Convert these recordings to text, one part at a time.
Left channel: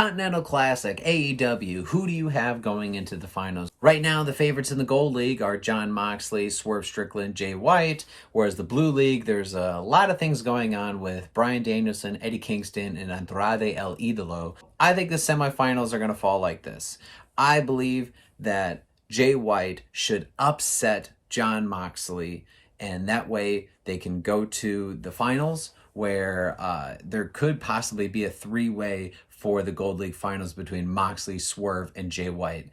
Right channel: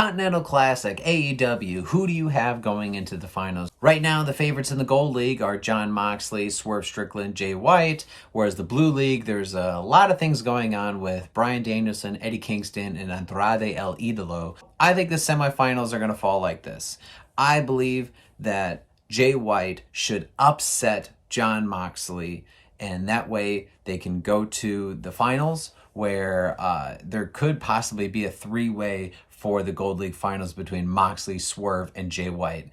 Continental Classic, AEW, who do you have going into the finals? Right now, the favorites in the Gold League are Jon Moxley, Swerve Strickland, Jay White, whereas the Blue League, there's a lot of things going on with Bryan Danielson, Eddie Kingston, and Andrade El Idolo. I think the semifinals are going to fall like this. I believe that Jay White should upset Jon Moxley, and that way they can go to the finals where there could possibly be a three-way for the Gold League finals between Moxley, Swerve, and Jay White.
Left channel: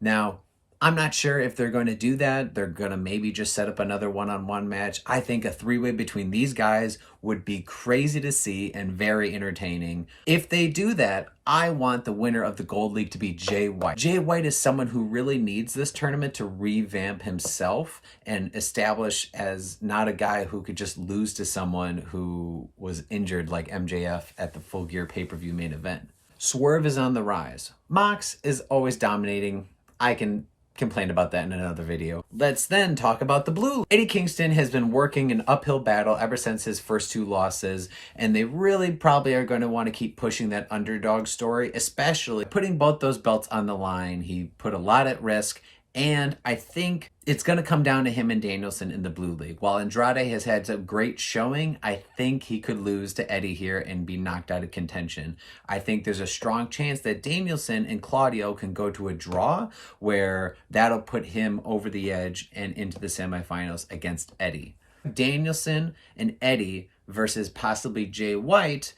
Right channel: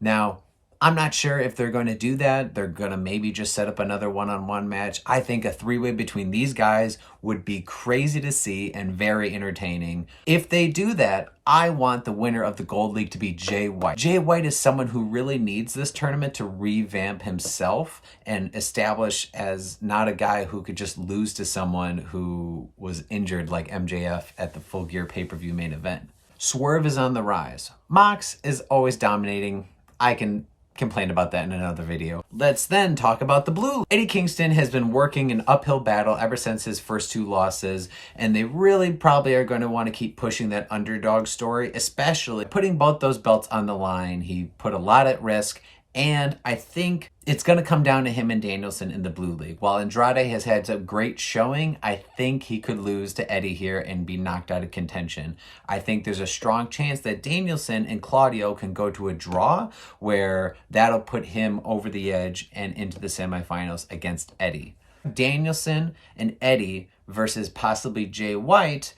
Now, I'm not sure if they're going to do that. They're going to maybe just set up another one-on-one match. I think a three-way between these guys would be crazy to see and very entertaining. If they do that, I want the winner of the Gold League to be Jay White. Jay White is someone who really needs this tournament to revamp himself and establish as not a guy who could just lose to someone who was injured like MJF at the Full Gear pay-per-view main event. Swerve is on the rise. Mox is always dominating. I can complain about that in another video. Let's then talk about the Blue. Eddie Kingston has been working an uphill battle ever since his first two losses, and they really probably are going to want to keep pushing that underdog story, especially putting both those belts on the line. He put a lot at risk, and I think it's going to come down to him and Danielson in the Blue League. While Andrade has had a great showing, I think he could lose to Eddie here and be knocked out of contention. I think there's a strong chance that Danielson and Claudio can go to a draw where that'll put him over the edge and into the semifinals against Eddie. Danielson and Eddie versus possibly Jay White,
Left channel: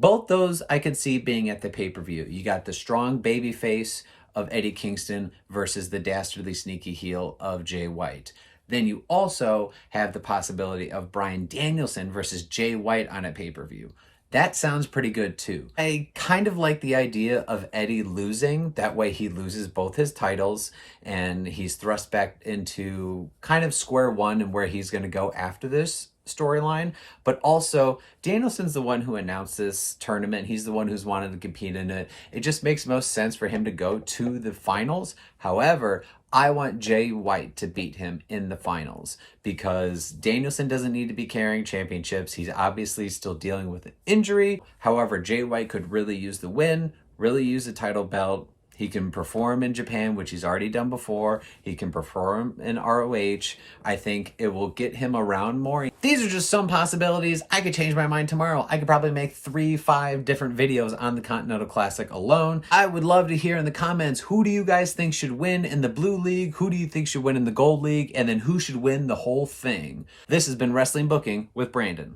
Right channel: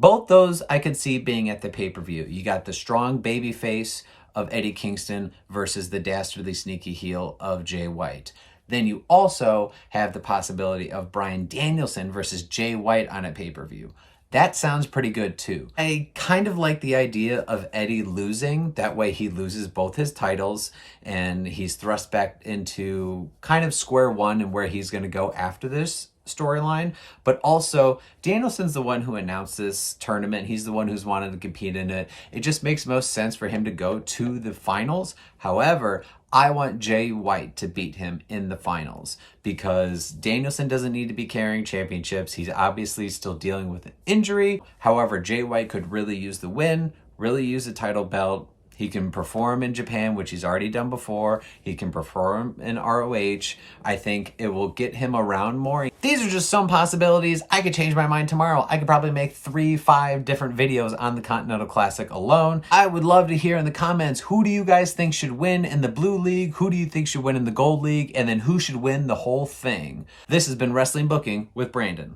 both those I could see being at the pay-per-view. You got the strong baby face of Eddie Kingston versus the dastardly sneaky heel of Jay White. Then you also have the possibility of Bryan Danielson versus Jay White on a pay-per-view. That sounds pretty good too. I kind of like the idea of Eddie losing. That way he loses both his titles and he's thrust back into kind of square one and where he's going to go after this storyline. But also, Danielson's the one who announced this tournament. He's the one who's wanted to compete in it. It just makes most sense for him to go to the finals. However, I want Jay White to beat him in the finals because Danielson doesn't need to be carrying championships. He's obviously still dealing with an injury. However, Jay White could really use the win, really use the title belt. He can perform in Japan, which he's already done before. He can perform in ROH. I think it will get him around more. These are just some possibilities. I could change my mind tomorrow. I could probably make 3-5 different videos on the Continental Classic alone. I would love to hear in the comments, who do you guys think should win in the Blue League? Who do you think should win in the Gold League? And then who should win the whole thing? This has been Wrestling Booking with Brandon.